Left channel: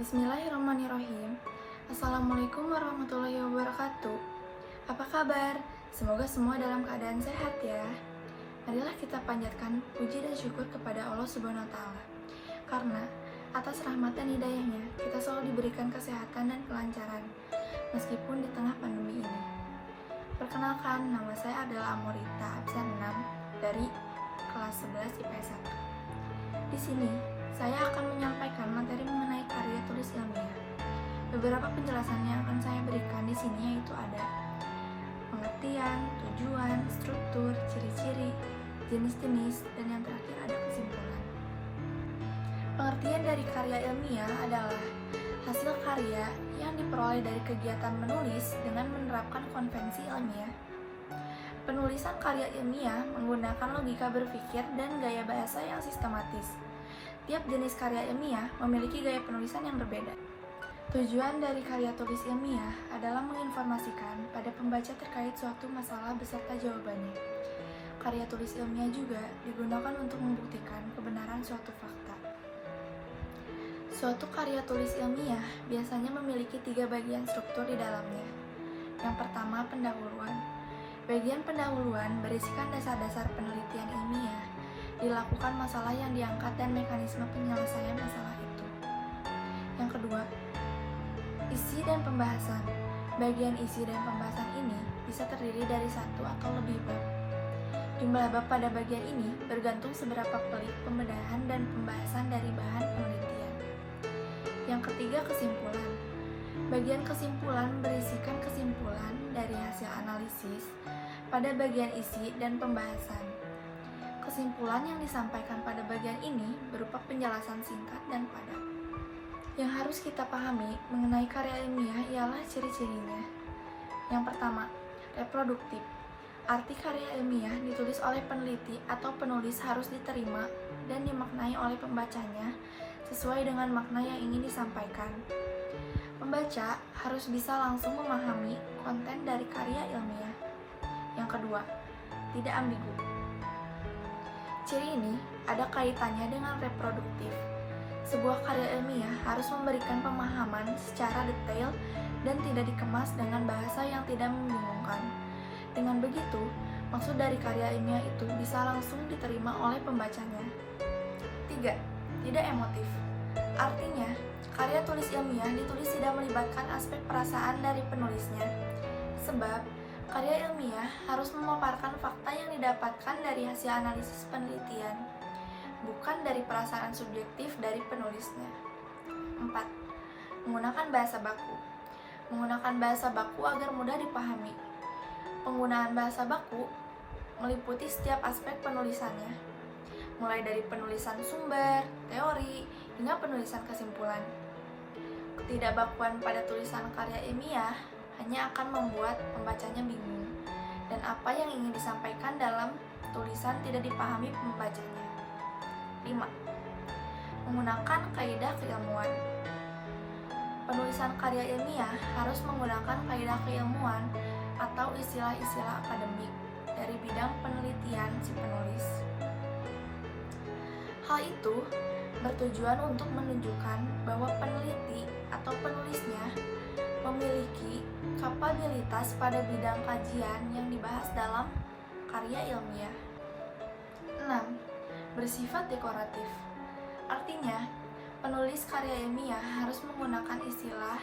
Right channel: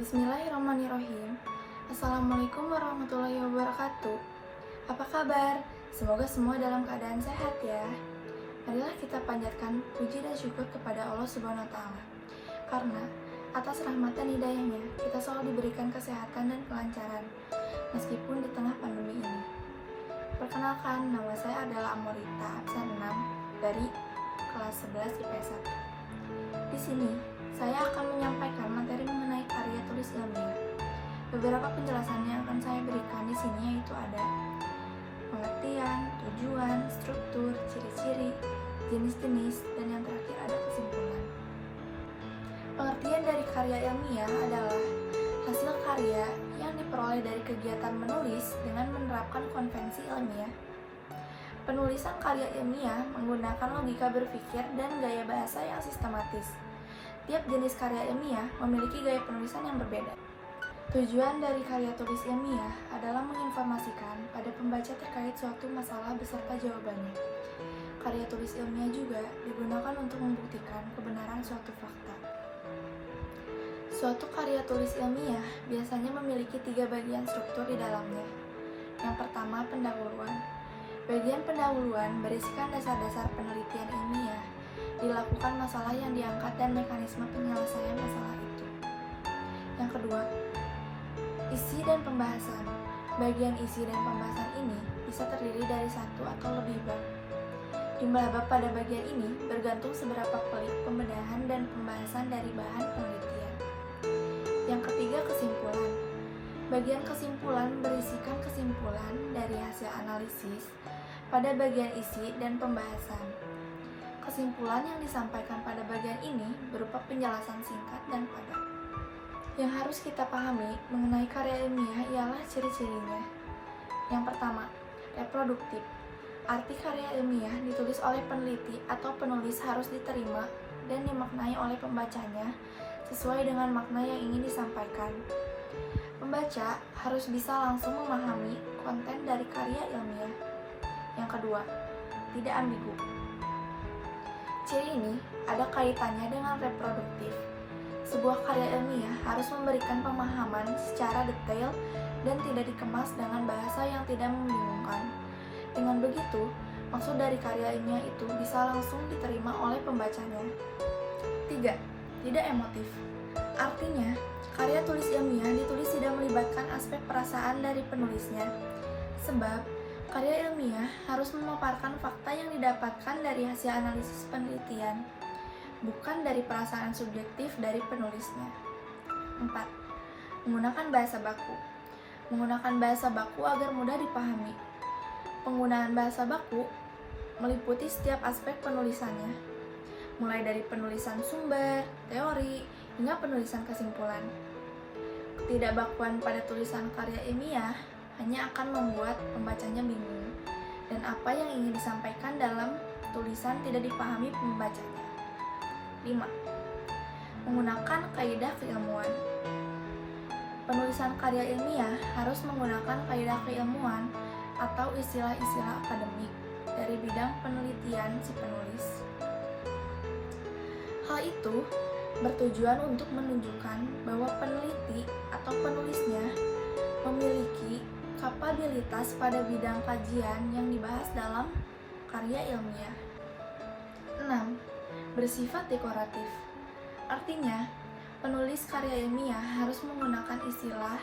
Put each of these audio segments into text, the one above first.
Bismillahirrahmanirrahim. Assalamualaikum warahmatullahi wabarakatuh. Apa kabar? Semoga semua dalam keadaan sehat ya. Marilah kita panjatkan puji dan syukur kepada Allah Subhanahu wa Ta'ala. Karena atas rahmat dan hidayahnya, kita selalu diberikan kesehatan dan kelancaran meskipun di tengah pandemi ini. Perkenalkan, nama saya adalah Amorita absen 6 dari kelas 11 IPS 1. Di sini saya akan menyampaikan materi mengenai karya tulis ilmiah. Beberapa penjelasan yang akan saya berikan di sini yaitu ada pengertian, tujuan, struktur, ciri-ciri, jenis-jenis, dan yang terakhir ada kesimpulan. Pengertian dari karya ilmiah adalah hasil karya yang diperoleh dari kegiatan menulis dengan menerapkan konvensi ilmiah. Penulisan karya ilmiah menggunakan logika berpikir dan gaya bahasa yang sistematis. Tiap jenis karya ilmiah memiliki gaya penulisan yang berbeda. Tujuan dari karya tulis ilmiah adalah menginformasikan pada pembaca terkait suatu masalah beserta jawabannya. Karya tulis ilmiah juga digunakan untuk membuktikan kebenaran suatu fakta. Suatu karya tulis ilmiah biasanya memiliki 3 bagian struktur di dalamnya. Yang pertama, pendahuluan. Bagian pendahuluan berisikan dasar-dasar penelitian ilmiah, dilakukan masalah yang diangkat dan mekanisme penyelesaian masalah itu. Yang kedua, isi dan pembahasan. Bagian isi dan pembahasan ini bisa terdiri dari 1 atau lebih bab. Jumlah bab pada bagian ini bergantung seberapa pelik pembedahan dan pembahasan dari bahan penelitian. Yang ketiga, kesimpulan. Bagian kesimpulan berisikan kesimpulan dari hasil analisis pada bagian isi dan pembahasan. Kesimpulan yang disampaikan pada bagian ini berupa penjelasan singkat dan padat. Yang harus kita pahami mengenai karya ilmiah ialah ciri-cirinya. Yang pertama, reproduktif. Arti karya ilmiah ditulis oleh peneliti atau penulis harus diterima dan dimaknai oleh pembacanya sesuai dengan makna yang ingin disampaikan. Pembaca harus bisa langsung memahami konten dari karya ilmiah. Yang kedua, tidak ambigu. Ciri ini ada kaitannya dengan reproduktif. Sebuah karya ilmiah harus memberikan pemahaman secara detail dan tidak dikemas dengan bahasa yang tidak membingungkan. Dengan begitu, maksud dari karya ilmiah itu bisa langsung diterima oleh pembacanya. 3. Tidak emotif. Artinya, karya tulis ilmiah ditulis tidak melibatkan aspek perasaan dari penulisnya. Sebab, karya ilmiah harus memaparkan fakta yang didapatkan dari hasil analisis penelitian, bukan dari perasaan subjektif dari penulisnya. 4. Menggunakan bahasa baku. Menggunakan bahasa baku agar mudah dipahami. Penggunaan bahasa baku meliputi setiap aspek penulisannya, mulai dari penulisan sumber, teori, hingga penulisan kesimpulan. Ketidakbakuan pada tulisan karya ilmiah hanya akan membuat pembacanya bingung, dan apa yang ingin disampaikan dalam tulisan tidak dipahami pembacanya. 5. Menggunakan kaidah keilmuan. Penulisan karya ilmiah harus menggunakan kaidah keilmuan atau istilah-istilah akademik dari bidang penelitian si penulis. Hal itu bertujuan untuk menunjukkan bahwa peneliti atau penulisnya memiliki kapabilitas pada bidang kajian yang dibahas dalam karya ilmiah. 6. Bersifat dekoratif. Artinya, penulis karya ilmiah harus menggunakan istilah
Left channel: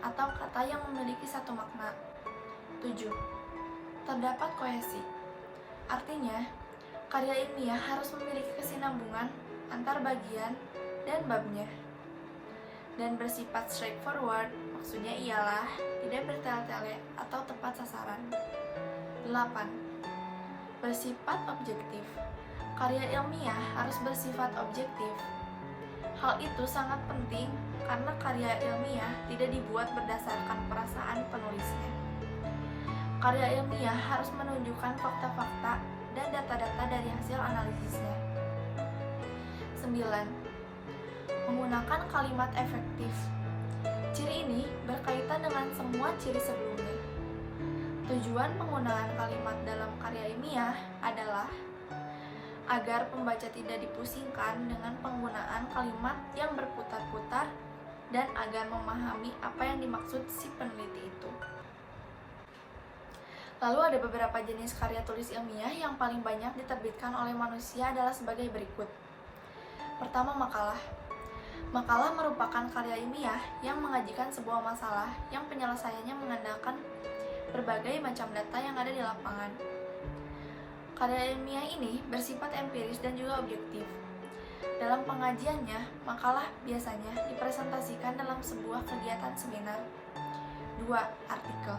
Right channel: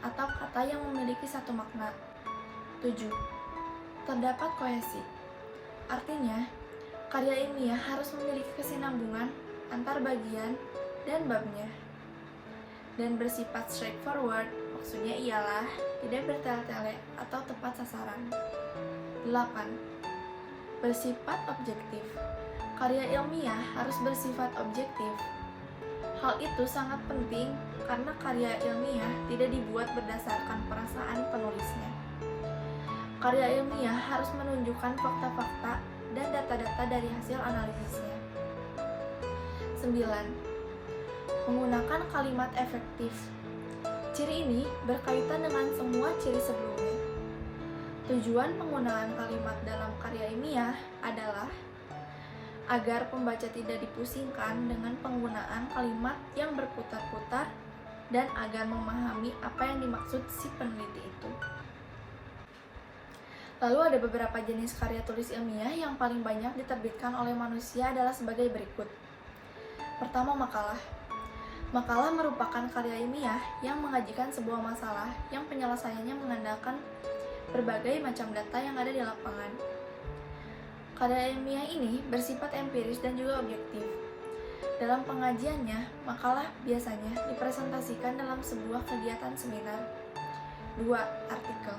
atau kata yang memiliki satu makna. 7. Terdapat kohesi. Artinya, karya ilmiah harus memiliki kesinambungan antar bagian dan babnya. Dan bersifat straightforward, maksudnya ialah tidak bertele-tele atau tepat sasaran. 8. Bersifat objektif. Karya ilmiah harus bersifat objektif. Hal itu sangat penting karena karya ilmiah tidak dibuat berdasarkan perasaan penulisnya. Karya ilmiah harus menunjukkan fakta-fakta dan data-data dari hasil analisisnya. 9. Menggunakan kalimat efektif. Ciri ini berkaitan dengan semua ciri sebelumnya. Tujuan penggunaan kalimat dalam karya ilmiah adalah agar pembaca tidak dipusingkan dengan penggunaan kalimat yang berputar-putar dan agar memahami apa yang dimaksud si peneliti itu. Lalu ada beberapa jenis karya tulis ilmiah yang paling banyak diterbitkan oleh manusia adalah sebagai berikut. Pertama, makalah. Makalah merupakan karya ilmiah yang mengajikan sebuah masalah yang penyelesaiannya mengandalkan berbagai macam data yang ada di lapangan. Karya ilmiah ini bersifat empiris dan juga objektif. Dalam pengajiannya, makalah biasanya dipresentasikan dalam sebuah kegiatan seminar. 2. Artikel.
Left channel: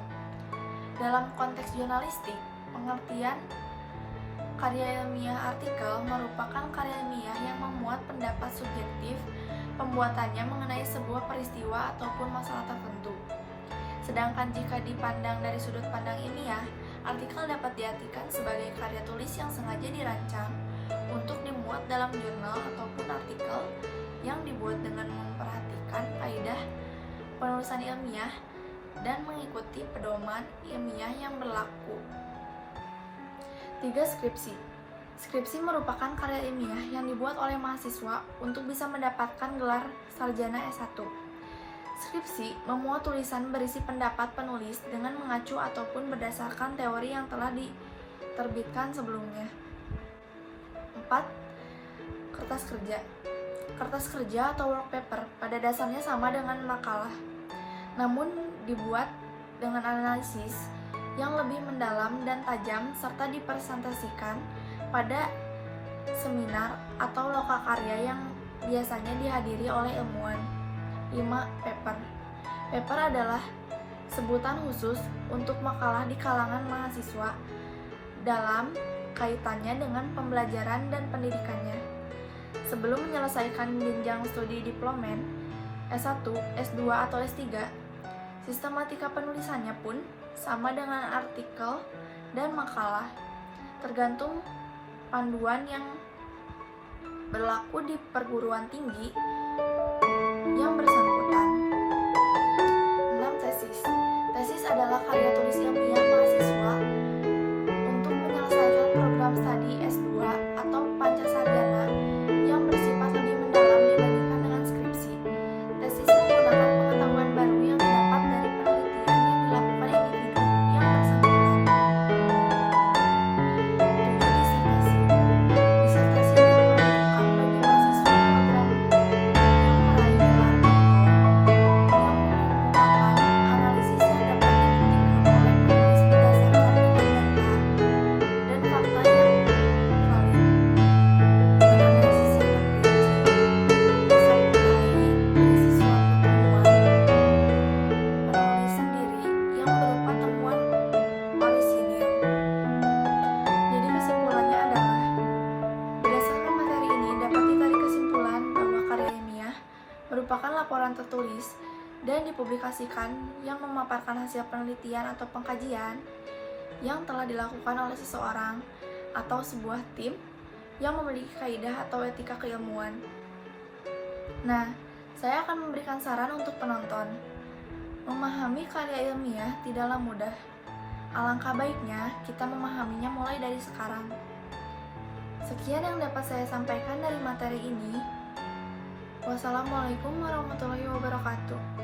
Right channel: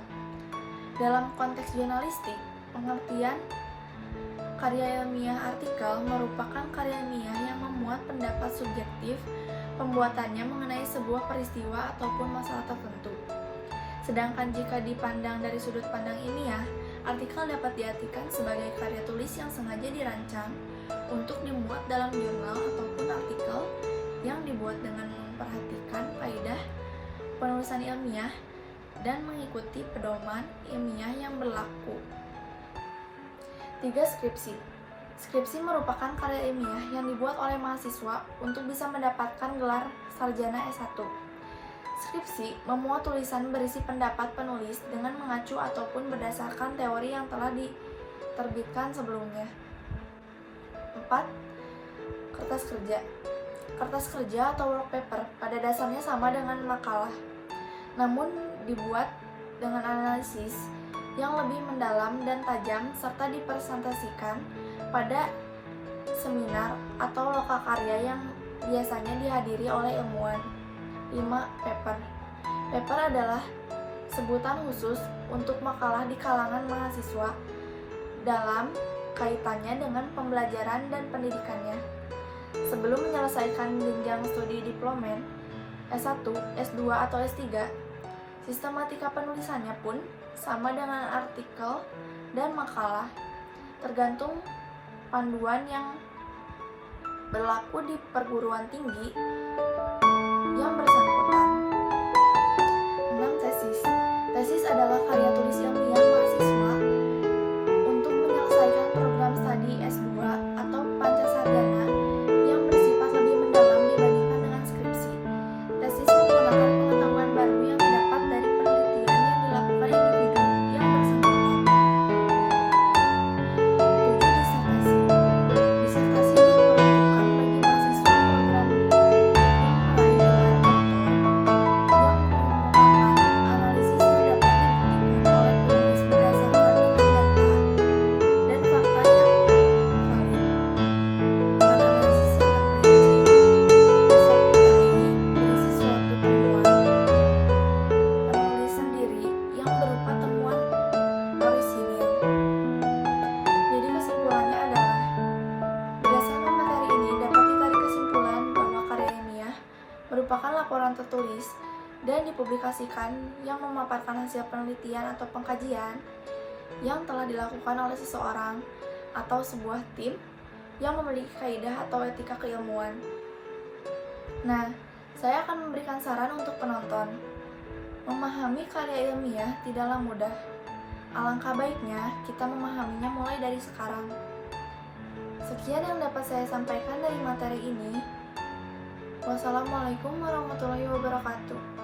Dalam konteks jurnalistik, pengertian karya ilmiah artikel merupakan karya ilmiah yang memuat pendapat subjektif pembuatannya mengenai sebuah peristiwa ataupun masalah tertentu. Sedangkan jika dipandang dari sudut pandang ilmiah, artikel dapat diartikan sebagai karya tulis yang sengaja dirancang untuk dimuat dalam jurnal ataupun artikel yang dibuat dengan memperhatikan kaidah penulisan ilmiah dan mengikuti pedoman ilmiah yang berlaku. 3. Skripsi. Skripsi merupakan karya ilmiah yang dibuat oleh mahasiswa untuk bisa mendapatkan gelar sarjana S1. Skripsi memuat tulisan berisi pendapat penulis dengan mengacu ataupun berdasarkan teori yang telah diterbitkan sebelumnya. 4. Kertas kerja. Kertas kerja atau work paper pada dasarnya sama dengan makalah, namun dibuat dengan analisis yang lebih mendalam dan tajam serta dipresentasikan pada seminar atau lokakarya yang biasanya dihadiri oleh ilmuwan. 5. Paper. Paper adalah sebutan khusus untuk makalah di kalangan mahasiswa dalam kaitannya dengan pembelajaran dan pendidikannya. Sebelum menyelesaikan jenjang studi diplomen, S1, S2, atau S3, sistematika penulisannya pun sama dengan artikel dan makalah, tergantung panduan yang berlaku di perguruan tinggi yang bersangkutan. 6. Tesis. Tesis adalah karya tulis ilmiah mahasiswa untuk menyelesaikan program studi S2 atau pancasarjana yang bersifat lebih mendalam dibandingkan dengan skripsi. Tesis menggunakan pengetahuan baru yang didapat dari penelitian yang dilakukan individu yang bersangkutan. 7. Disertasi. Disertasi diperuntukkan bagi mahasiswa program yang meraih gelar doktor yang mengemukakan analisis yang dapat dibuktikan oleh penulis berdasarkan dengan data dan fakta yang valid. Dengan analisis yang terperinci, disertai berisi suatu temuan penulis sendiri yang berupa temuan orisinil. Jadi kesimpulannya adalah, berdasarkan materi ini dapat ditarik kesimpulan bahwa karya ilmiah merupakan laporan tertulis dan dipublikasikan yang memaparkan hasil penelitian atau pengkajian yang telah dilakukan oleh seseorang atau sebuah tim yang memiliki kaidah atau etika keilmuan. Nah, saya akan memberikan saran untuk penonton. Memahami karya ilmiah tidaklah mudah. Alangkah baiknya kita memahaminya mulai dari sekarang. Sekian yang dapat saya sampaikan dari materi ini. Wassalamualaikum warahmatullahi wabarakatuh.